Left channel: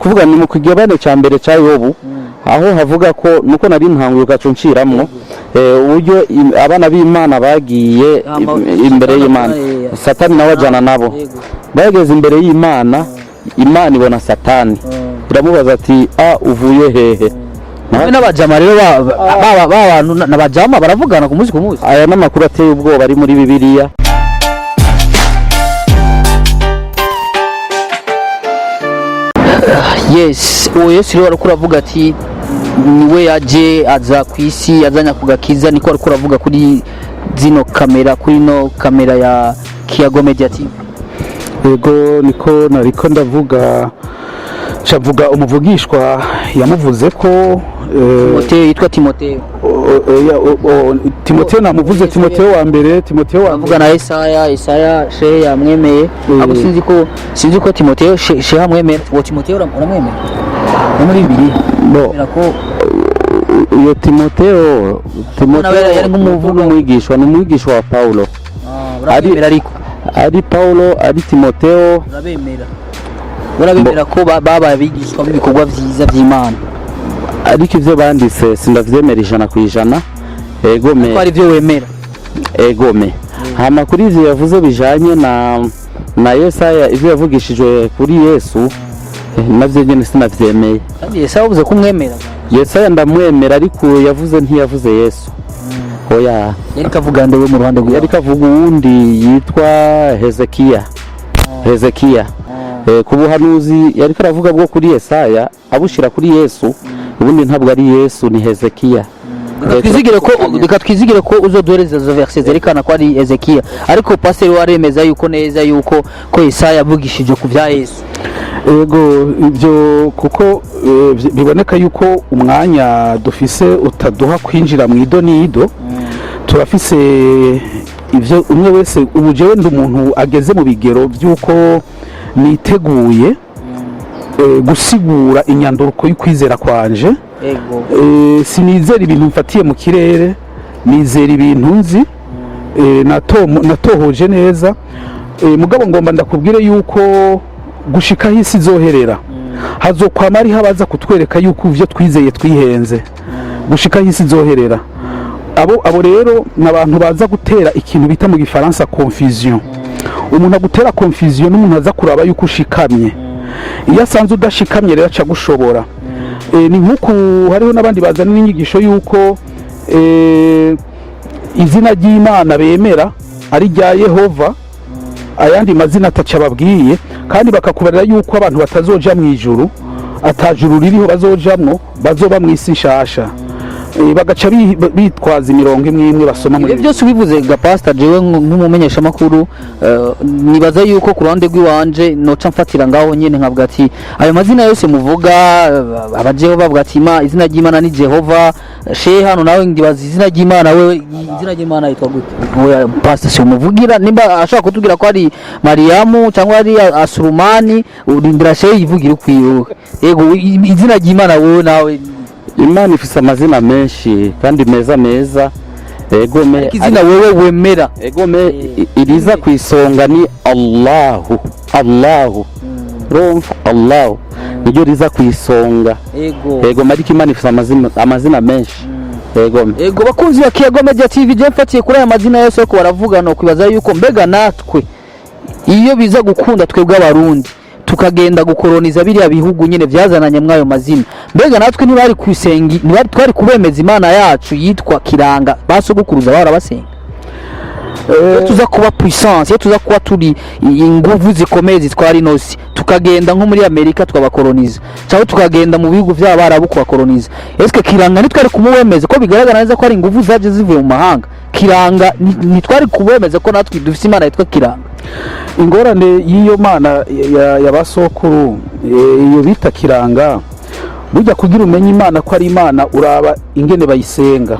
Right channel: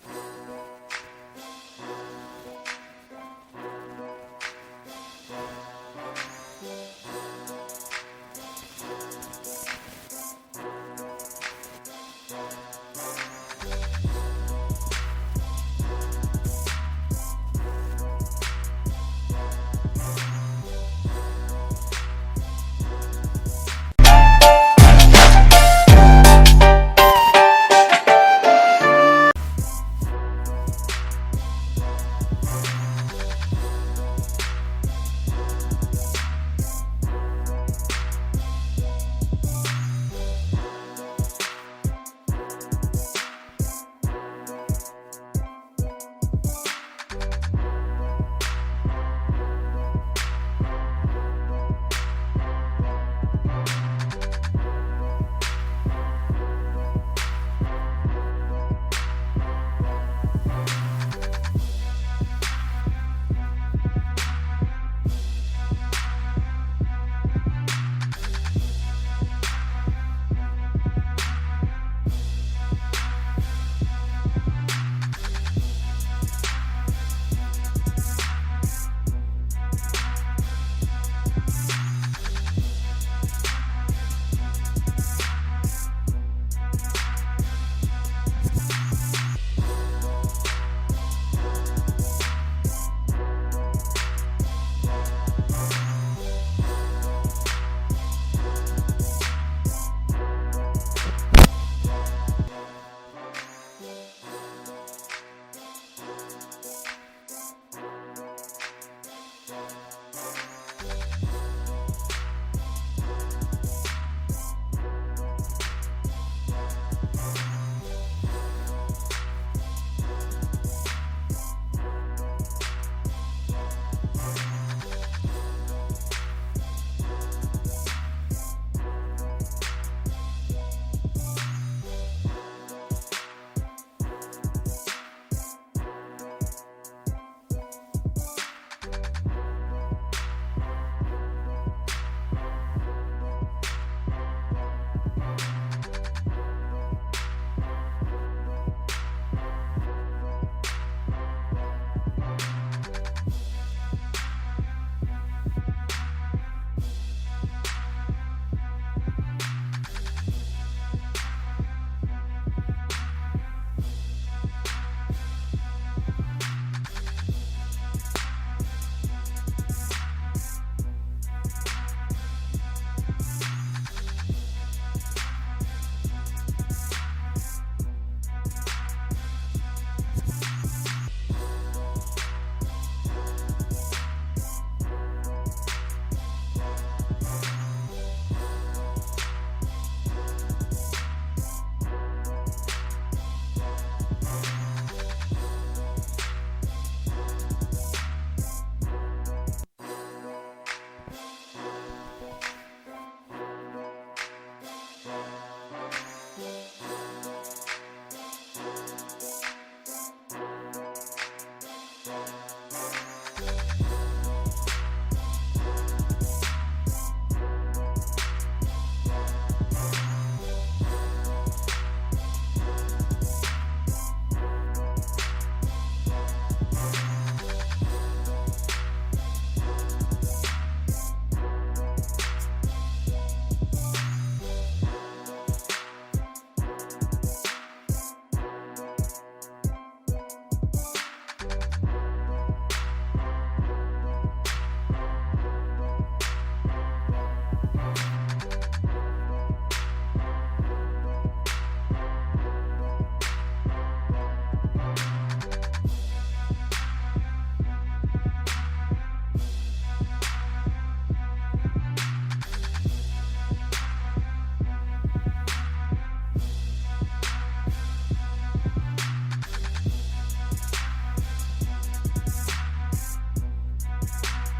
kuvuga ni mu kigabane cya mbere cya Yobu aho havuga ko nuko nari ntanguye gacunciramwo uburyo abana b'Imana bagiye imbere y'Imana Satani nawe ajana nabo bageze imbere y'Imana Imana ibona Satani iramubaza ati uvuye hehe n'abajama rero abantu n'abajama baravugana ku munsi aya n'amakuru ateye ubwoba ari muri Bibiliya. Yes Yesu rero ariko aravuga ati niwe yaje aza ku isi azanya kugakiza niko ariko aravuga kuri zino kamera kuri no kamera ya Kiyago Media TV. Yego niko nariko ndavuga cavuga umuvugishwa yamuvuze ko Timotheo yitwa Timotheo. Timotheo namuvuze Timotheo wa mbere avuga na Isaya shehe yamwemeye abo sinzi ko Timotheo shehe yamwemeye wo Timotheo uramwemeye muri Bibiliya ko iyo Timotheo yari nk'umuvugo mwigishwa ni umwigishwa wa Paulo ari Paulo ari Timotheo urabemera ko baba bigishwa b'ibikorwa byiza by'Imana ariko ivyo banditse sindavyemera 100%. Egome ko ari byo wemera egome hama kuri ivyo yavuze bijanye na Yesaya ivyo yavugishijwe kuri Yesu navyo nyene sinavyemeye. Kandi Yesaya uvuze ko umwemera Yesaya ndamwemera ariko yavuze ntiyavuze Yesu oya yari kavuga ndewe mu ruhande rwe yari kavuga uwundi yitwa Hezekiya ku buhanuzi yari karavuga bwo kuri Yesaya abushira kuri Yesu ubundi ntabwo ari Yesu ni Hezekiya. Twizigire ko uzoduhereza zo verset zerekana ko ari Hezekiya ariko pastor waremeza yuko neza yuko ko Yesaya yavugishije ku bya Yesu. Yego ibyo kuko biboneka yuko umwanya dufise utaduha kwinjira mu idonido turafise ivyo umwe wese ubujewe ndi umuntu ageze mu bigero byuko niteguye gusigura inyanduruko y'ukwizera kwanje. Sinizera ibintu mfatiye mu kirere nizera ibintu nzi natohoje neza mugabo ngomba ndakubwire yuko gushika hisi zoherera hazokwama ari habaza kutwereka yuko ivyo twizeye twihenze gushika hisi zoherera abo rero n'abantu baza gutera ikintu bita mu gifaransa confusion. Umuntu agutera confusion n'umuntu aza kuraba yuko ushikamye iyo asanze udashikamye rero aca gushobora ni nkuko hariho nabandi bazana n'inyigisho yuko izina ry'Imana bemera ari rya Yehova ayandi mazina ataca babwiye kandi bakakubarira yuko abantu batazoja mu ijuru atajuru ririho bazojamwo bazoba mu isi nshasha bagaca bitwaza imirongo imwe basoma muri byose ubivuze ga pastor jewe nk'umumenyesha makuru nibaza yuko ku ruhande rw'iwanje noca mfatira ngaho nyene nkavuga ati ayo mazina yose muvuga abajeho bavuga ati izina ry'Imana ni Jehova shehe hano nawe ndibaza izina ry'Imana we izina ry'Imana yitwa gute pastor se umuvugira nimba ashaka kutubwira ko ari Mariamu cyangwa ari Asurumani urindira shehe yivugira ukwiwe yego izina ry'Imana wowe nawe Imana ifise amazina menshi kandi meza egome izina wewe wemera egome iriza kwisonga ni Allahu Allah niryo riza kwisonga ego mariko Imana ifise amazina menshi ego bakunzi ya Kiyago Media TV je mfatiye kuri aya mazina yose ko baravuga no kwibaza yuko mbega natwe iyo biza gukunda twebwe abarundi tukagenda gukoroniza biriya bihugu nyene vyazananye mwayo mazina mbega natwe ntibari kwisenga ntibari twari kubemeza Imana yacu yitwa Kiranga basogukuruza barabasenga tuza kuba puissance tuza kuba turi inguvu zikomeye zitwara inosi tukagenda nko muri Amerika tukabakoroniza cyangwa tukagenda mu bihugu by'abarabu kubakoroniza eske Kiranga nitwari kumubemeza ko bigaragara neza ko ari inguvu zaje zivuye mu mahanga Kiranga nitwari kubemeza ko natwe dufite Imana yitwa Kiranga. Ingorane y'iyo Mana yabasokuru iyo bita Kiranga burya kugira umenye Imana ko ari Imana uraba ingene bayisenga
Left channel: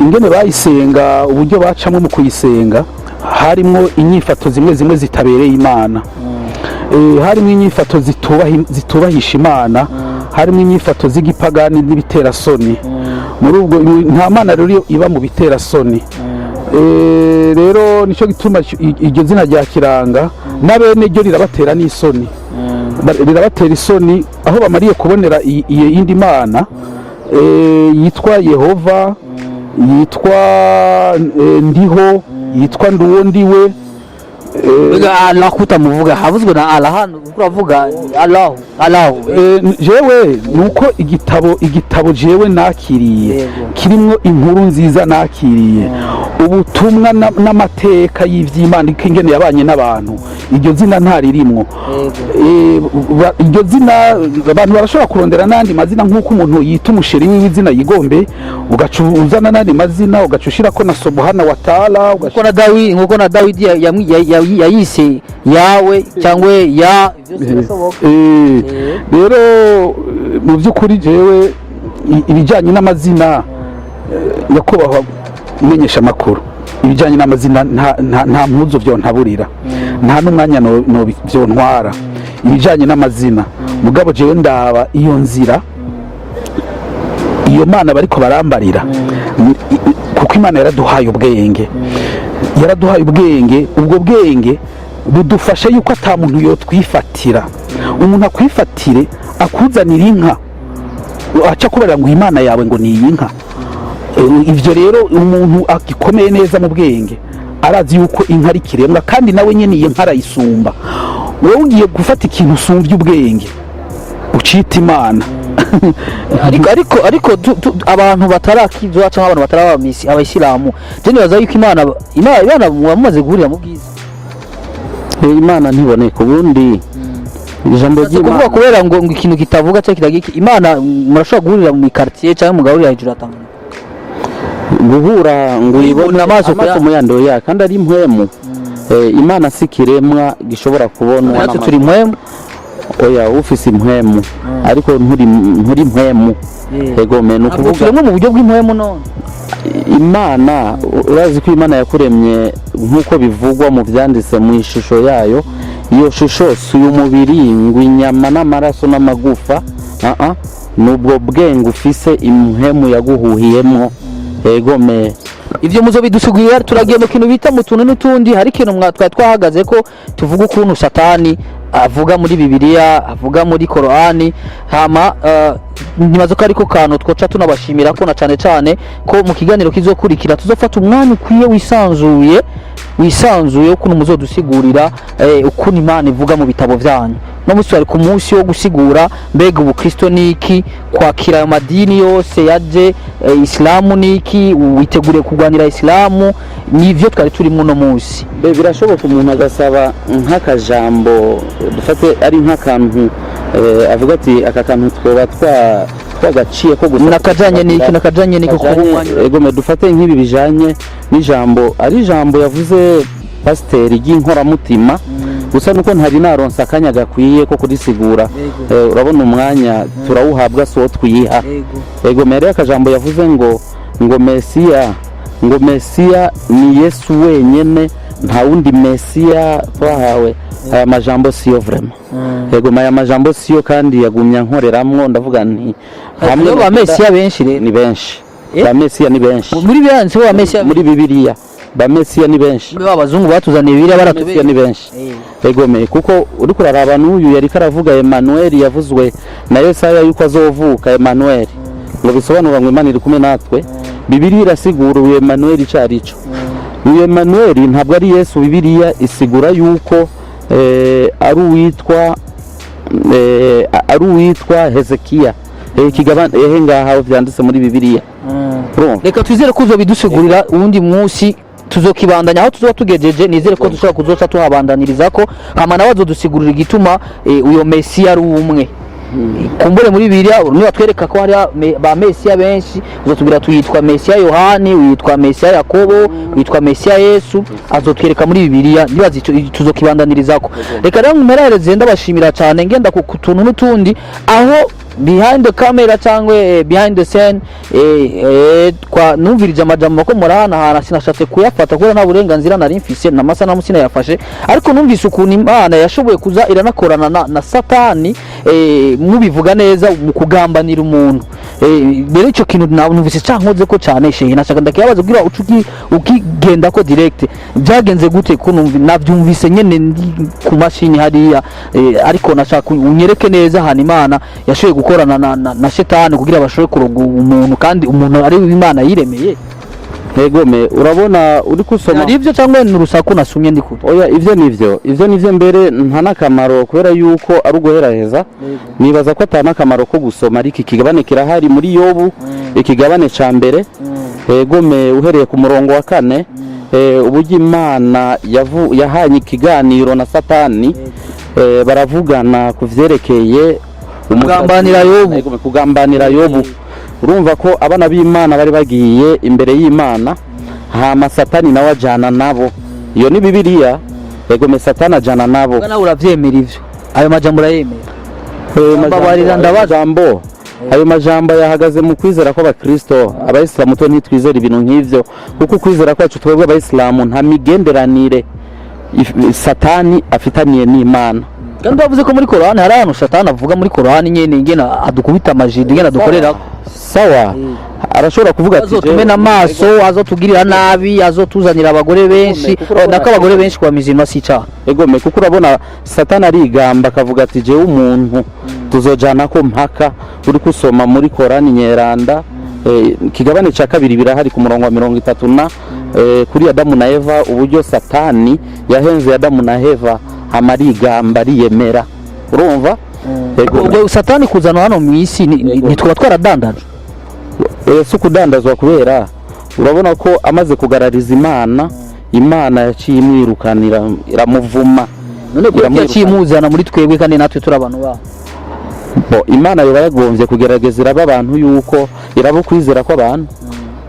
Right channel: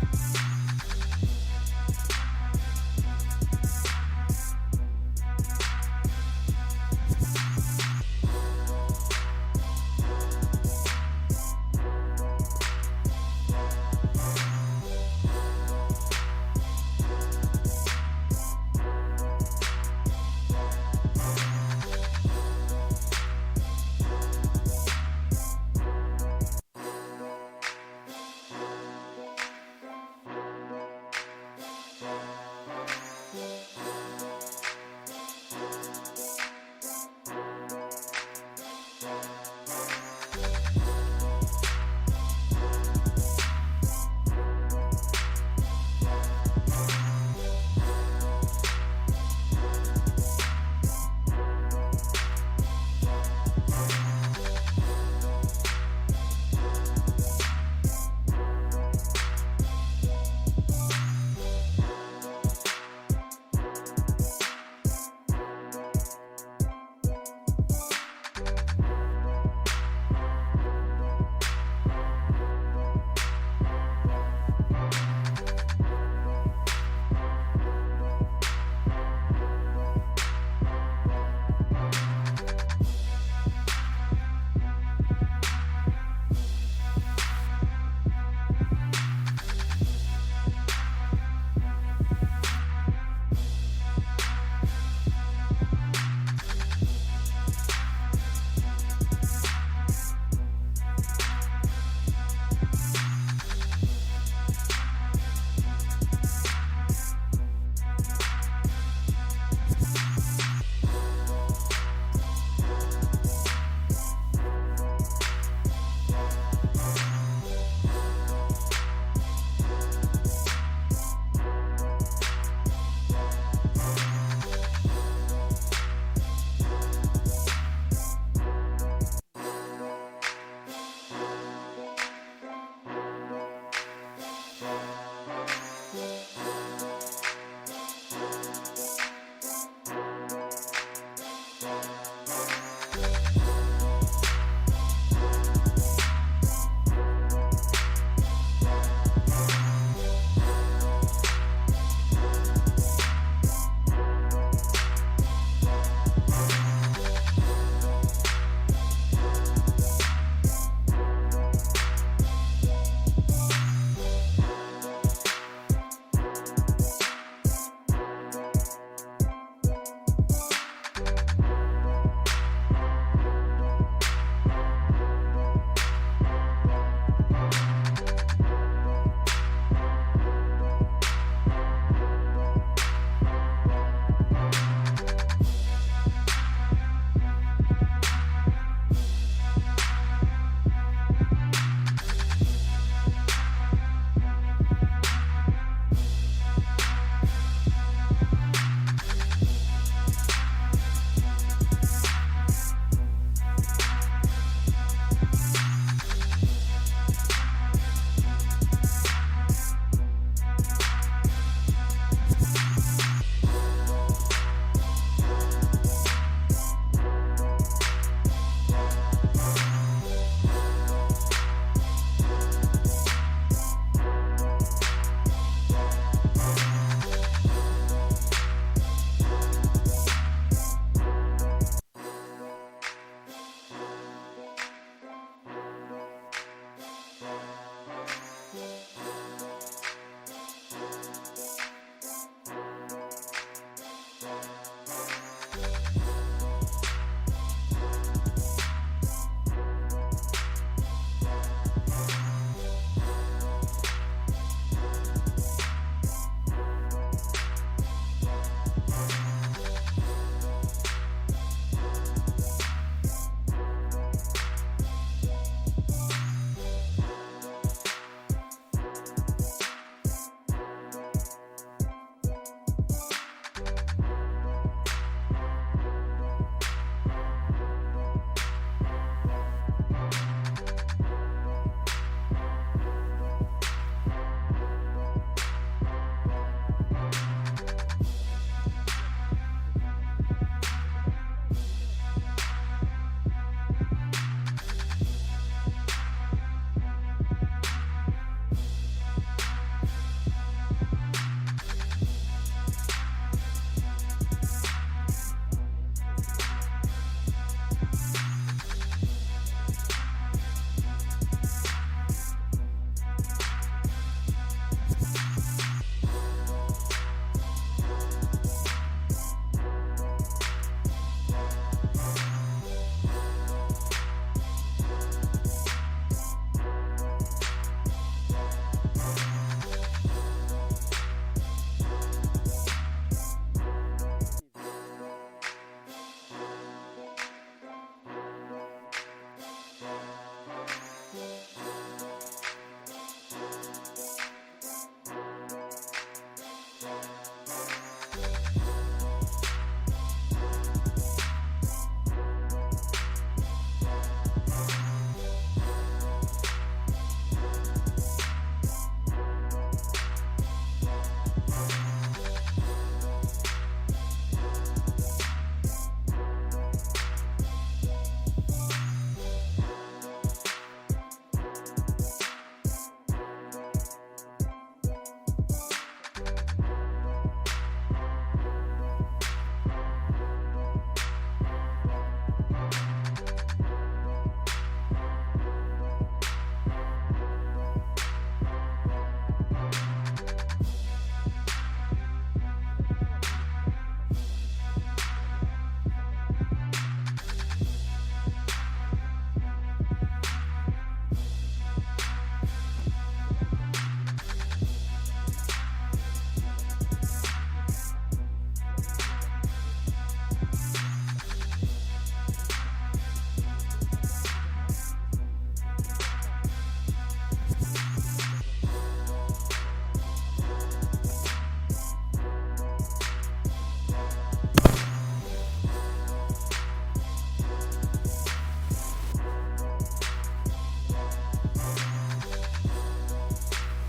ingene bayisenga uburyo bacamo mu kuyisenga harimo inyifato zimwe zitabereye Imana harimo inyifato zitubahisha Imana harimo inyifato z'igipagani n'ibitera soni muri ubwo nta Mana rero iba mu bitera soni rero nico gituma iryo zina rya Kiranga nabene ryo rirabatera n'isoni birabatera isoni aho bamariye kubonera iyo yindi mana yitwa Yehova, yitwa ndiho, yitwa nduwo ndiwe. Allah kutamuvuga havuzwe na Allah hano uravuga Allah jewe nuko igitabo jewe nakiriye kirimo inkuru nziza nakiriye ubutumwa n'amateka y'ivy'Imana ingene yabanye n'abantu. Iryo zina ntaririmwo, iryo zina abantu barashobora kurondera nandi mazina nk'uko umuntu yita umusheri w'izina yigombe, ugacuzana nandi mazina ugacushirako na Subhana wa Ta'ala, nkuko na Dawidi yayise yawe cyangwa ya rero mu by'ukuri jewe ibijyanye n'amazina nyakubahwa umenyesha amakuru, ibijyanye n'amazina nta mpuzo byo ntaburira, nta n'umwanya no byo ntwara. Ibijyanye n'amazina mugabo jewe ndaba iyo nzira iyo mana bariko barambarira, kuko Imana yaraduhaye ubwenge, ubwo bwenge budufashe yuko ata muntu yotwifatira. Umuntu akwifatire akuzanira inka aca kubarira ngo Imana yawe ngo ni iyi nka. Ivyo rero umuntu agikomeye neza mu bwenge arazi yuko inka ari kiremwa kandi nawe nyene iyo nka arayisumba. Wowe ugiye gufata ikintu usumbye ubwenge ucita Imana. ariko abantu batarakizwa cyangwa abantu batarabamisi abayisilamu je nibaza yuko Imana mumaze guhurira mu bwiza. Imana ntiboneka ubundi ijambo ry'Imana kuvuga kubera ngo ikintu kitavuga cyangwa kitagiki Imana murashobora guhurira mu quartier cyangwa mugahurira hejuru atanga guhura ngo uyibone amaso mu yando ya kandi ari impwemu. Imana sikiremwa gishobora kubona natwe turi impwemu. Oya ufise impwemu ariko nturi impwemu. Ego menu kuvuga mu buryo bw'impwemu none Imana urazi ko Imana yakuremye nkuko bivugwa mu byanditse mu ishusho yayo. Iyo shusho si umubiri ngo inyama n'amaraso n'amagufa, nubwo bwenge ufise impwemu yaguhuhiyemo. Ego me ivyo muzo bidusugurira turagiye mu kintu bita mu tuntu n'utundi. Hari ikintu twahagaze ko tuvuga ukuntu Satani avuga muri Bibiliya, avuga muri Korani. Hama nibazo ko ariko kantu twoca tunabashimira ko na cyane ko mu kiganiro kizokurikira tuzofata umwanya ukwiye wisanzuye ukuntu muzodusigurira ukuntu Imana ivuga mu bitabo vyanyu. No musi ari ku munsi wo gusigura mbega ubukristo niki, kwakira ayo madini yose yaje, Islamu niki, witegure kurwanira Islamu, nivyo twari turi mu no munsi. Birashoboka umuntu agasaba nk'akajambo dufate ari nk'akantu avuga ati aka kantu twoba twagaciye ko gusa nakajanye niki ko ego me dufate nk'ibi bijanye n'ijambo ari ijambo yavuze pasiteri ry'inkoramutima gusa nuko ntari naronsa akanya gakwiye ko kurisigura. Urabona umwanya turawuhabwa so twiha. Ego mere akajambo yavuze ngo Mesiya ni Yesu wenyene, nta wundi Mesiya twahawe. Aya majambo siyo vraiment. Ego maya majambo siyo kandi yagumya nkoreramwo ndavuga nti hamwe ba Mesiya benshi rero ni benshi. Ba Mesiya ni benshi. Muri byanze ba Mesiya muri Bibiliya ba Mesiya ni benshi. Abazungu batuzaniye Bibiliya baratubeshya ni benshi. Ego me kuko uri kuraraba n'uyu yari karavuga Emmanuel yavuzwe na Yesaya yuko azovuka Emmanuel. Ngo bisobanura ngo Imana iri kumwe natwe. Bibiliya irasigura uyu Emmanuel icarico. Uyu Emmanuel ntabwo ari Yesu. Bibiliya isigura yuko ari uwitwa Hezekiya. Kigabane ngaha vyanditse muri Bibiliya. Reka twizere ko uzobidusigurira ubundi munsi tuzokibandanya aho tuzoba tugejeje. Nizere ko dushobora kuzoca tuhabandaniriza ko hama nawe azodusigurira igituma uyo Mesiya ari umwe. Kumbure muri Bibiliya niba twereka ko hari ba Mesiya benshi, uzotubwira tuyitwa Mesiya Yohani, uyitwa Mesiya Yakobo, uyitwa Mesiya Yesu, azotwereka muri Bibiliya nibazi tuzokibandaniriza ko. Reka rero mmerereze ndabashimira cyane ngenda ku tuntu n'utundi aho behind the camera cyangwa behind the scene kwa numvirije amajambo ko murahana sinashatse kuyafata kuko nta burenganzira nari mfise na masa na musina yafashe, ariko numvise ukuntu Imana yashoboye kuza iranakorana na Satani mubivuga neza mu kugambanira umuntu. rero icyo kintu numvise cyankoze ko cyane shehe nashaka ndakibaza kugira ukigenda ko direct byagenze gute ko nabyumvise nyene ndi ku mashini hariya ariko nashaka unyereke neza hano Imana yashoboye gukorana na shetani kugira bashobore kuroga umuntu kandi umuntu ari Imana yiremeye. Egome urabona uri kusoma ari ibyo cyangwa ni urusaku nasumye ndi kuto. Oya ivyo nivyo mbere nta nakamaro kubera yuko ari uguheraheza nibaza ko atana akamaro ko gusoma ariko ikigabane kirahari muri Yobu ikigabane ca mbere egome uhereye ku murongo wa 4 uburyo Imana yahanye ikiganiro na Satani baravugana kuvyerekeye kugambanira Yobu urumva ko abana b'Imana bari bagiye imbere y'Imana hama Satani nawe ajana nabo iyo ni Bibiliya egome Satani ajana nabo nawe uravyemera ivyo ayo majambo urayemera babarira ndabajambo ayo majambo yahagaze mu kwizera ko abakristo abayisilamu to ntitwizera ibintu nk'ivyo kuko kwizera kwacu twebwe abayisilamu nta migenderanire Satani afitaniye n'Imana kandi bavuze ko muri Korani hari ahantu Satani avuga muri Korani nyene ingena adukubita amajidi ingena dukorera sawa arashobora kuvuga ati azotumena amaso azotugirira nabi azotuzanira abagore benshi ndako abagore benshi kwa mizima si cyaha egome kuko urabona Satani arigamba akavuga ati je umuntu tuzojana ko mpaka uri kusoma muri Korani nyeranda kigabane ca kabiri birahari ku murongo wa 30 kuri Adamu na Eva uburyo Satani yahenze Adamu na Eva amarigamba riyemera urumva ubwo Satani kuzana hano mu isi nitwa twaradandaje so kudandazwa kubera urabona ko amaze kugarariza Imana yaciye imwirukanira iramuvuma none ko yaciye imuzana muri twebwe kandi natwe turi abantu ba Imana yoba yagombye kugerageza iraba abantu yuko irabo kwizera ko abantu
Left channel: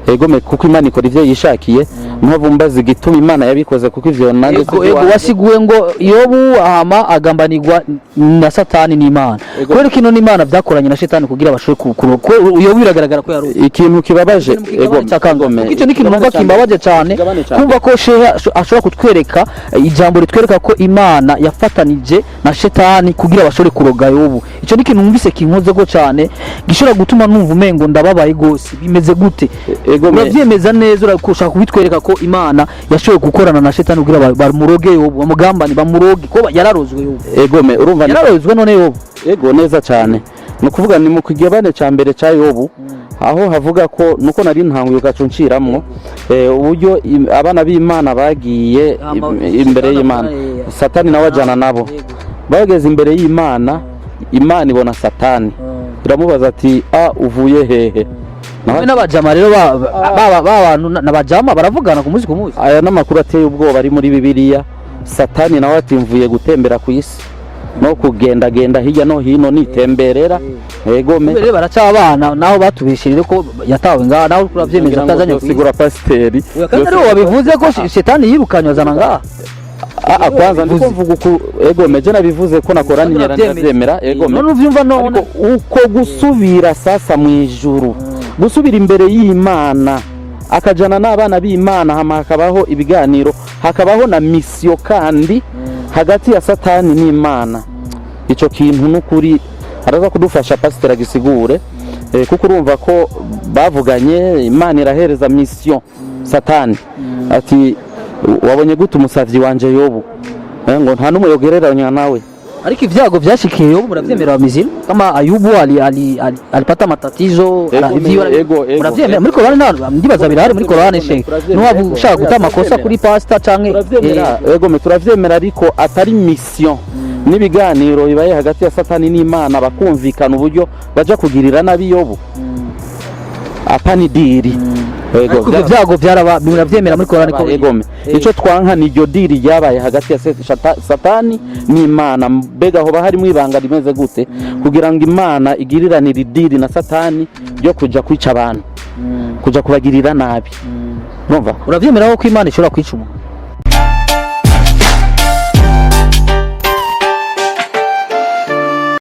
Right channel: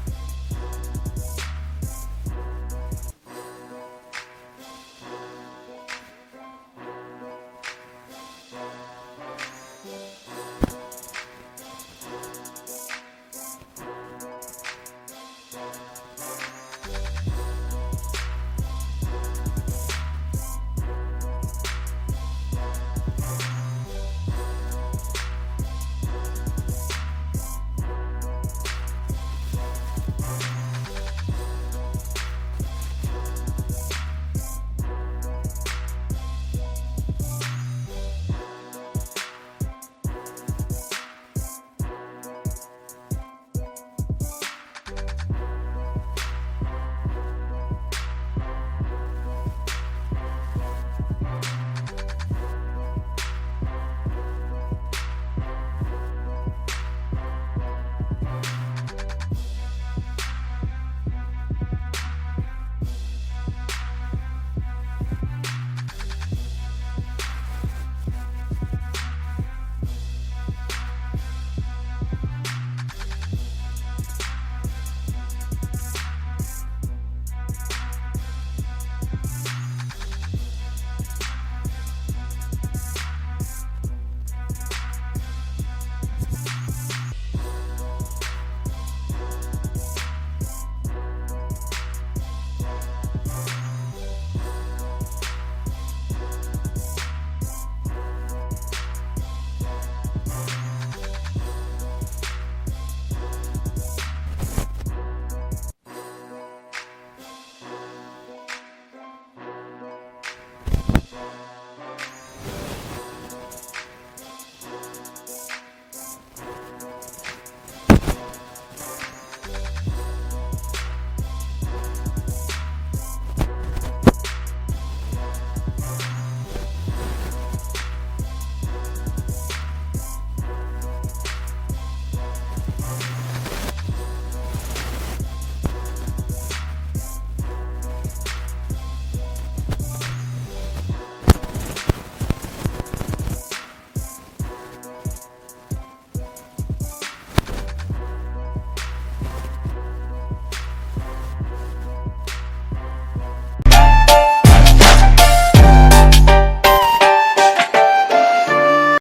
egome kuko Imana ikora ivyo yishakiye mpavumbaza igituma Imana yabikoze kuko ivyo nanjye ego wasiguye ngo Yobu ahama agambanirwa na Satani n'Imana kwera kino n'Imana byakoranye na Shetani kugira bashobore ko Yobu biragaragara ko yari ikintu kibabaje ego cyakangome icyo nikintu numva kimbabaje cyane kumva ko shehe ashobora kutwereka ijambo ritwereka ko Imana yafatanije na Shetani kugira bashobore kuroga Yobu icyo nikintu numvise kinkoze go cyane gishobora gutuma numva umengo ndababaye gose bimeze gute uravyemeza neza urakushaka kubitwereka ko Imana yashoboye gukorana na Shetani kugira bamuroge Yobu bamugambani bamuroge ko yararozwe Yobu egome urumva yararozwe none Yobu ego neza cyane no kuvuga ni mu kigabane ca mbere ca Yobu aho havuga ko nuko nari ntanguye gacunciramwo uburyo abana b'Imana bagiye imbere y'Imana Satani nawe ajana nabo bageze imbere y'Imana Imana ibona Satani iramubaza ati uvuye hehe n'abajama rero abantu n'abajama baravugana ku munsi aya n'amakuru ateye ubwoba ari muri Bibiliya Satani nawe atimvuye gutembera ku isi no kugendagenda hirya no hino nitemberera egome rero baracabana naho batubishirire ko yatawe ngaha naho uravyemeza atazanye kusigura pasiteri kandi rero wabivuze ko Shetani yirukanywa zana ngaha kwanza ndiko mvuga uko egome je nabivuze ko nakorani nyerandazemera egome none uvyumva none uko gusubira sasa mu ijuru gusubira imbere y'Imana akajana n'abana b'Imana hama hakabaho ibiganiro hakabaho na misiyo kandi hagati ya Satani n'Imana ico kintu n'ukuri araza kudufasha pasiteri agisigure kuko urumva ko bavuganye Imana irahereza misiyo Satani ati wabonye gute umusavyi wanje Yobu ngo nta n'umuyogereranya nawe ariko ivyago vyashikiye Yobu muravyemera bamizima kama Ayubu alipata matatizo muravyemera muri Korani ndibaza birahari muri Korani she n'uwabu ushaka guta amakosa kuri pastor canke ego turavyemera ariko atari mission n'ibiganiro bibaye hagati ya Satani n'Imana bakumvikana uburyo baja kugirira nabi Yobu apani diri ego byago byaraba muravyemera muri Korani ko egome ico twanka ni ryo diri ryabaye hagati ya Satani n'Imana mbega ho bahari mwibanga rimeze gute kugira ngo Imana igiriranire diri na Satani ryo kuja kwica abantu kuja kubagirira nabi numva uravyemera ko Imana ishobora kwica umuntu